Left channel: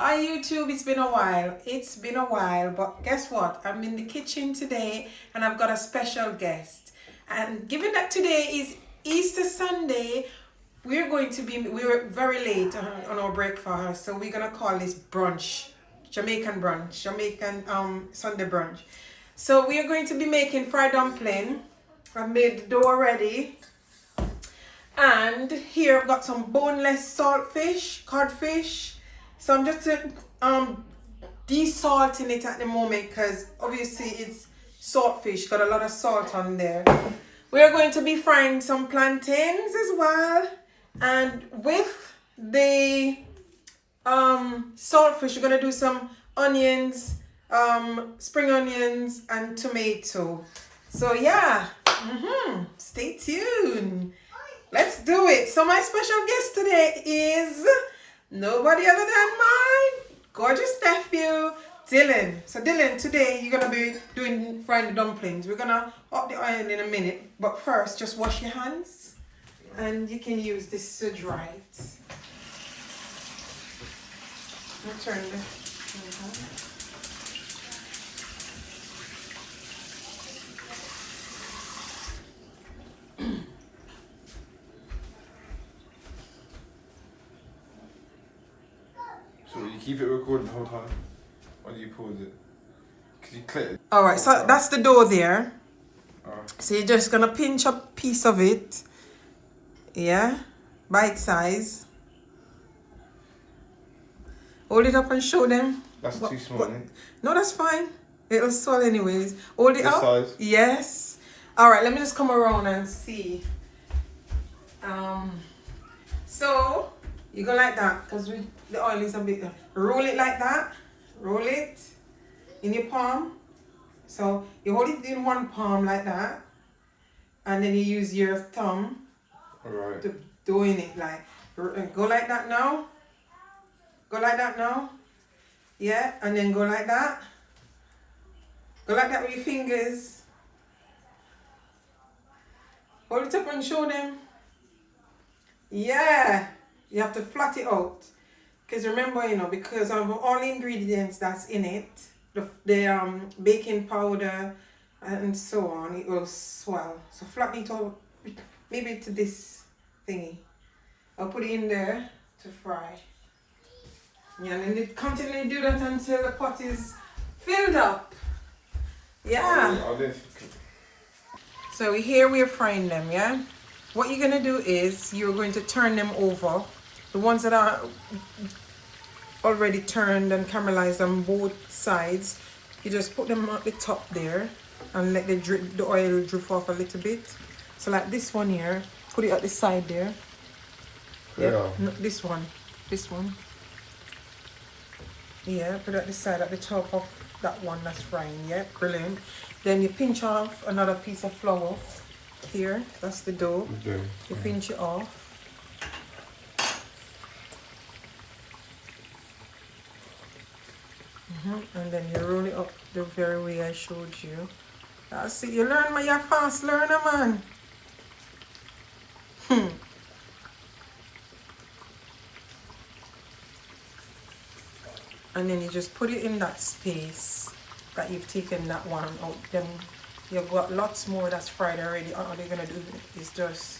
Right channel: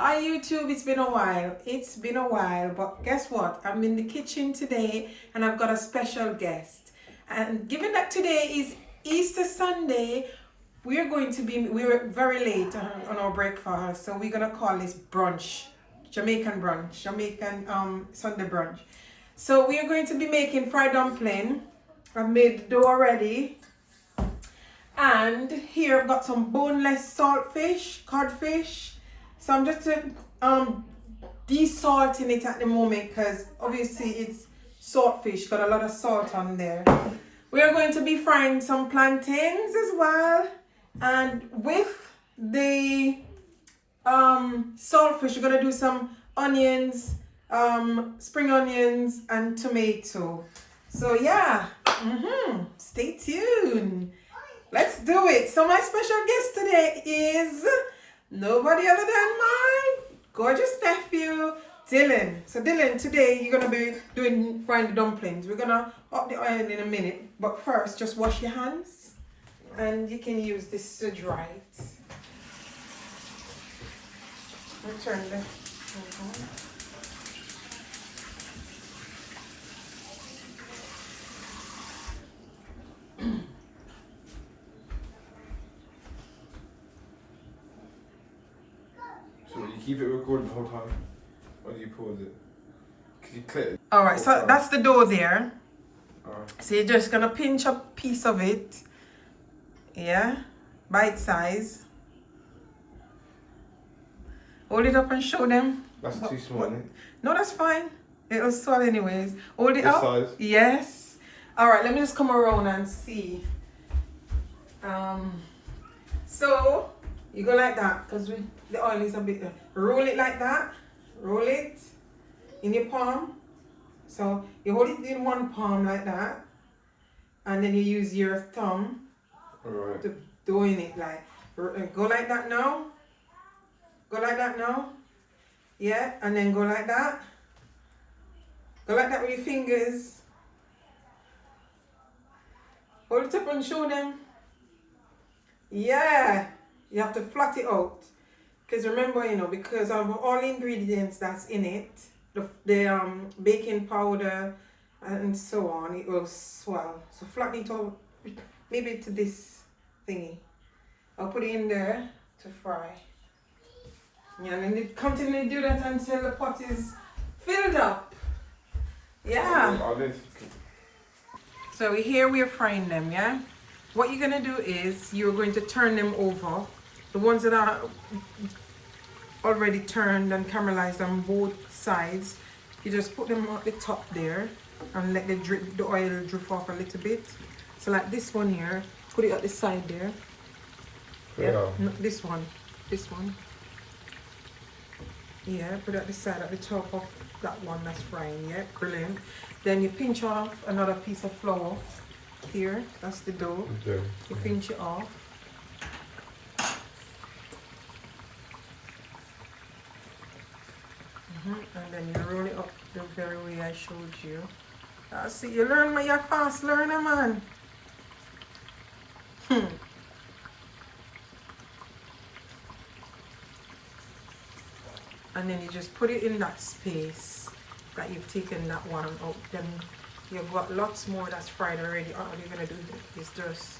Hi YouTube, it's been a while. It's been a while, but guess what? I'm in the kitchen today and I've got a special guest. And given that today is Easter Sunday, we're very late on our breakfast, so we're gonna call this brunch, Jamaican brunch, Jamaican Sunday brunch. So we are going to be making fried dumpling. I've made the dough already. And here I've got some boneless saltfish, codfish. So I'm just desalting it at the moment because obviously it's saltfish, got a lot of salt on there. We are going to be frying some plantains as well. And with the saltfish, we're gonna do some onions, spring onions and tomato. So yeah, stay tuned. Let's do it. So my special guest today is nobody other than my gorgeous nephew, Dylan. So Dylan, today you're gonna be frying the dumplings. We're gonna up the oil in a minute, but first just wash your hands, and you can use this to dry it. Turn the. So you keep it recording the whole time? Or do you pause it? Because you click it. Alright, so that's the dough there. Alright. So you're just gonna pinch a piece of it. Yeah, bite size. Hold it up and show them. That's too small, isn't it? No, that's fine. It'll swell anyways. Hold it This up. size? Yes. Alright, let me just come around and see. So you go like that because the oil is a bit. Roll it like that. Roll it in your palm. So you hold it in one palm like that, and then you use your thumb Alright. to doing it like. Go like that now. Go like that now. Yeah, and then go like that. Go like that with your fingers. Hold it up and show them. Yeah, you have to flat it out. Because remember, because of all the ingredients that's in it, the baking powder and so on, it will swell. So flatten it out, maybe to this thingy. I'll put it in there to fry. Yeah, and then continue to do that until the pot is filled up. Yeah. I'll live. So here we're frying them, yeah? What you're gonna do is you're going to turn them over. The ones that are already turned and caramelized on both sides, you just put them at the top there and let the oil drip off a little bit. So like this one here, put it at the side there. Yeah. No, this one. Yeah, put it at the side at the top of that one that's frying. Yeah, brilliant. Then you pinch off another piece of flour here. That's the dough. Okay. You pinch it off. And then you roll it up the very way I showed you. I see you learn, man. You're fast learner, man. And then you just put it in that space that you've taken that one out. Then you've got lots more that's fried already. All you're gonna do is just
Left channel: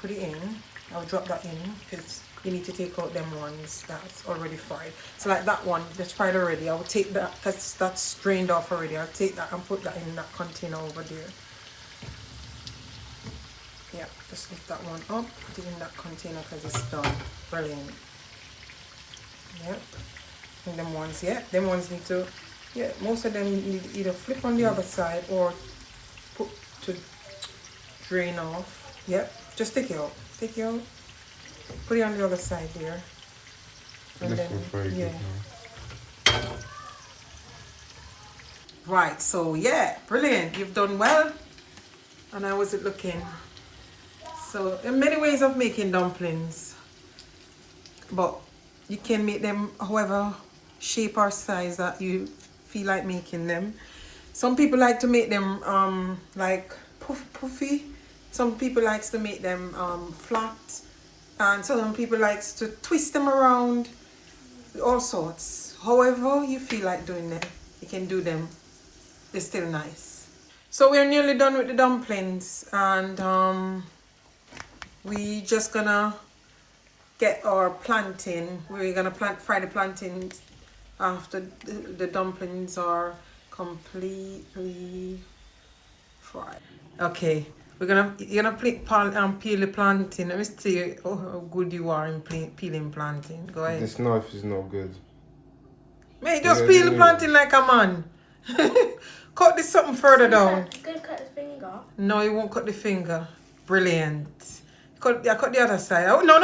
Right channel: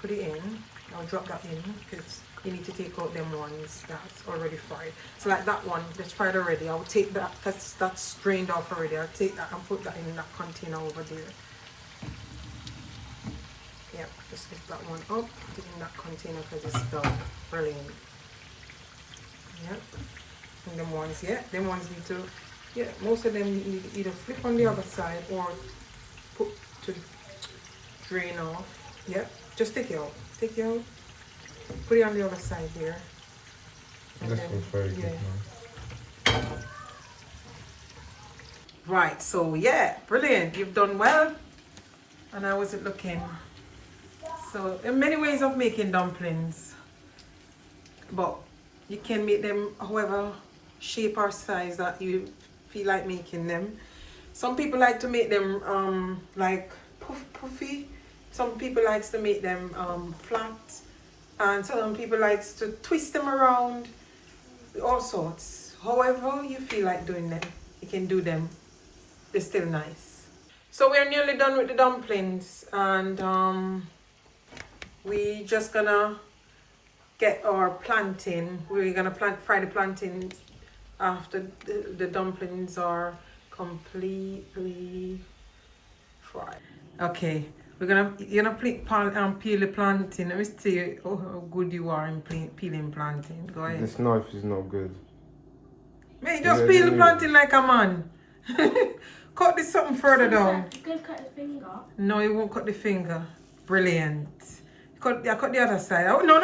put it in. I'll drop that in because you need to take out them ones that's already fried. So like that one that's fried already, I'll take that because that's drained off already. I'll take that and put that in that container over there. Yeah, just lift that one up, put it in that container because it's done. Brilliant. Yeah. And them ones, them ones need to, most of them need to either flip on the other side or put to drain off. Yeah, just take it out. Put it on the other side there. This one's very good. Man. Right, so brilliant. You've done well. And how was it looking? So there are many ways of making dumplings, but you can make them however shape or size that you feel like making them. Some people like to make them like puffy. Some people likes to make them flat, and some people likes to twist them around all sorts. However you feel like doing them, you can do them. They're still nice. So we're nearly done with the dumplings, and we just gonna get our plantain. We're gonna fry the plantains after the dumplings are completely fried. Okay, you're gonna peel the plantain. Let me see how good you are in peeling plantain. Go ahead. This knife is not good. Mate, just peel the plantain like a man. Cut this something further down. You could cut his finger. No, you won't cut the finger. Brilliant. Cut the other side. Oh, no.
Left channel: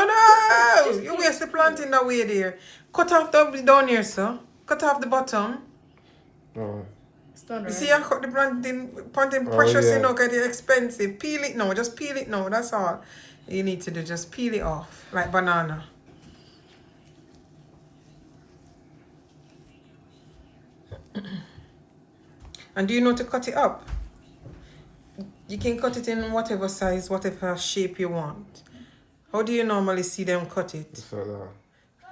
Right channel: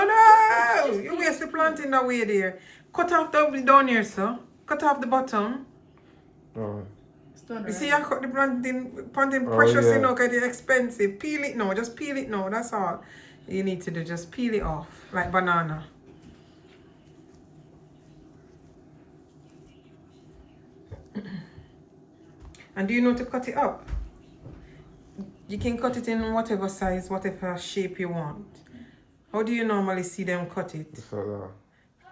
You waste the plantain that way there. Cut off down here, sir. Cut off the bottom. Alright. You see, I cut the plantain precious, you know, because it's expensive. Peel it now. Just peel it now. That's all you need to do. Just peel it off like banana. And do you know to cut it up? You can cut it in whatever size, whatever shape you want. How do you normally see them cut it? Just like that.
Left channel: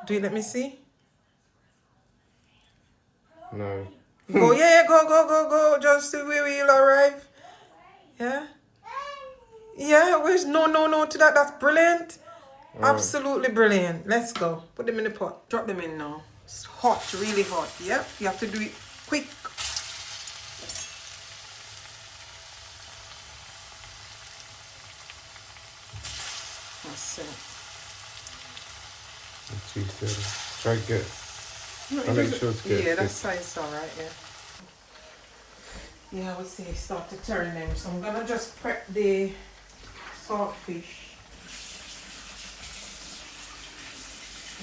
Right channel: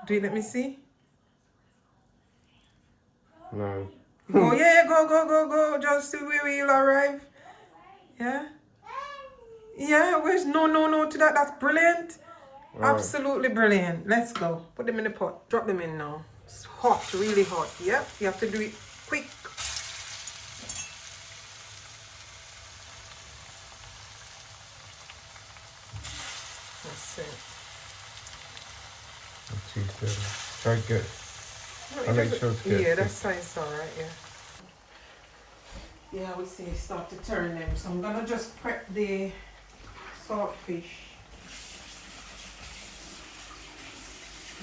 Do you let me see? No. Go, yeah, go. Just the way we'll arrive. Yeah? Yeah, where's no to that? That's brilliant. Right. Absolutely brilliant. Let's go. Put them in the pot. Drop them in now. It's hot, really hot. Yep, you have to do it quick. That's it. That's too thin. Very good. No, I make sure it's good. Yeah, that size alright, yeah. Yeah, I would say start to turn them. So I'm gonna just prep the saltfish.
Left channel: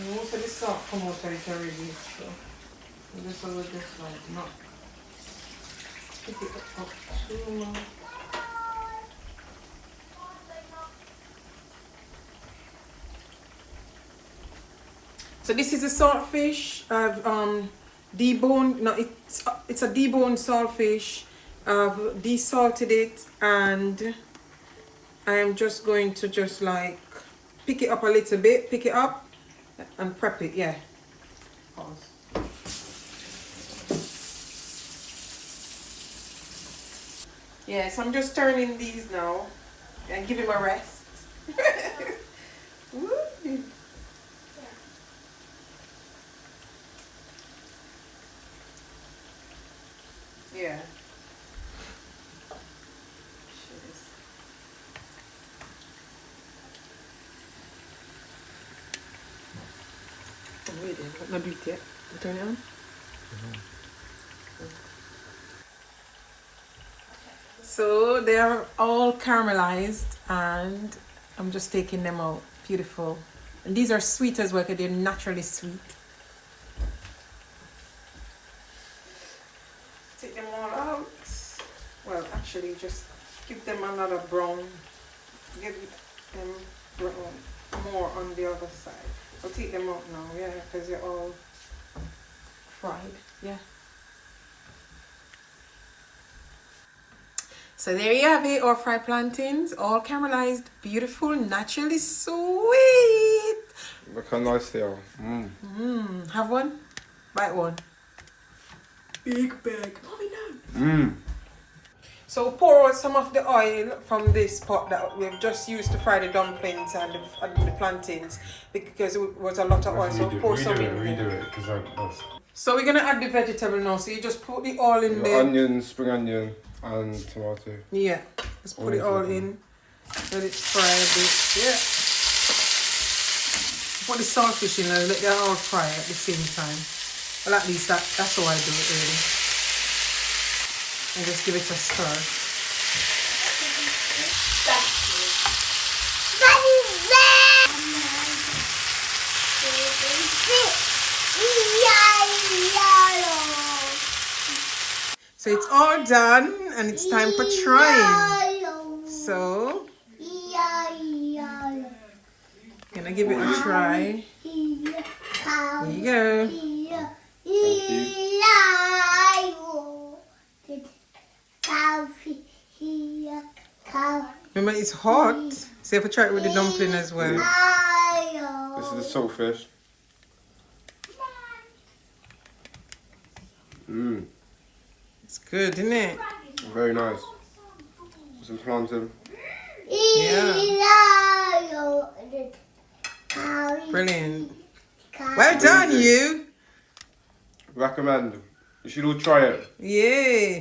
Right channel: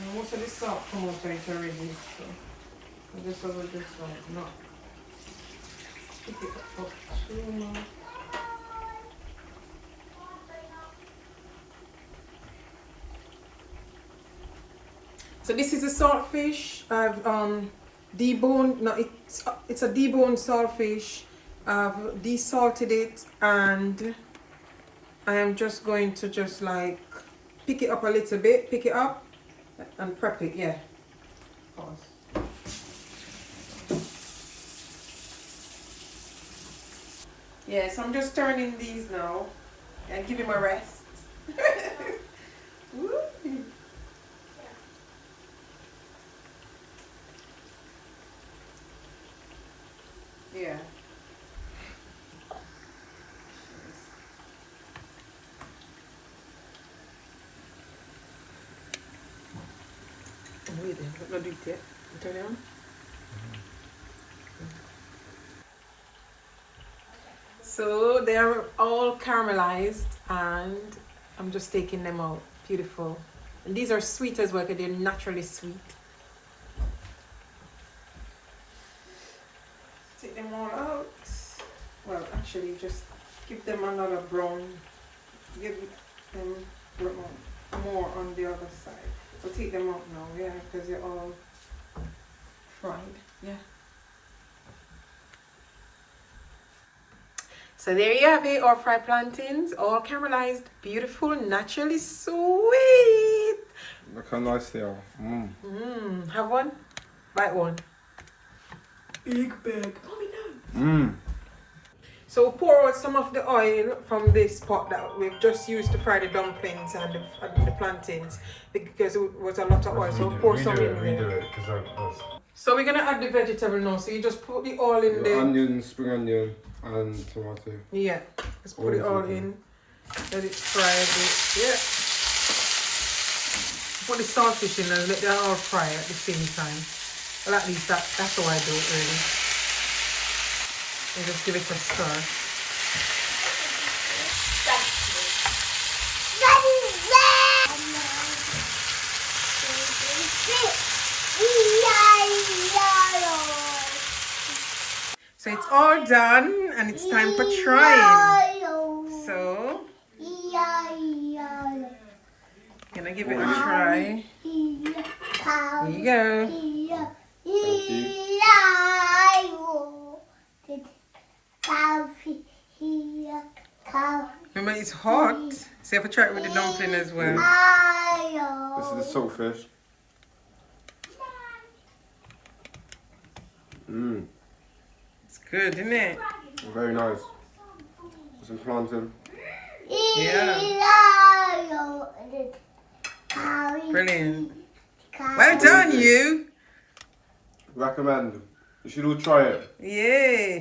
And most of the salt come out of it already, so I just will just like not pick it up too much. So this is a saltfish. I've deboned. No, it's a deboned saltfish. I've desalted it, and I am just going to just like pick it up a little bit. Pick it up and prep it. Yeah. Pause. Yeah. So I'm just turning these now and give him a rest. Woo. Yeah. I'm waiting. Let me do it yet. Turn it on. So they're all caramelized, and I'm just taking them out. Beautiful. And these are sweet as well because they're naturally sweet. Take them all out. Well, actually, just give them another brown. Give them brown more on the other side. I'll take them out now, yeah, because they're all fried, yeah. So there you have it, our fried plantains, all caramelized, beautiful, naturally sweet. Look how nice they are. Have one? Bite one. Big bag. So pour out some of the oil from this pot that we've just used to fry the dumplings and the plantains, because it was a lot of oil. So pour some in there. Redo it, because So we're gonna add the vegetable now. So you just put the oil in there. Onion, spring onion, and tomato. Yeah, just put it all in. Let it fry a bit. Yeah. Put the saltfish in and let them all fry at the same time. Well, at least that's how I do it really. And just give it a stir. So it's all done and it's time for trying. So, gonna give it a try. Here you go. Remember, it's hot, so you have to try it with the dumpling as well. This is the saltfish. Mmm. It's good, isn't it? Very nice. Some plantain. Yeah. Brilliant. Well done, you. Recommend. You should all try it. Yeah.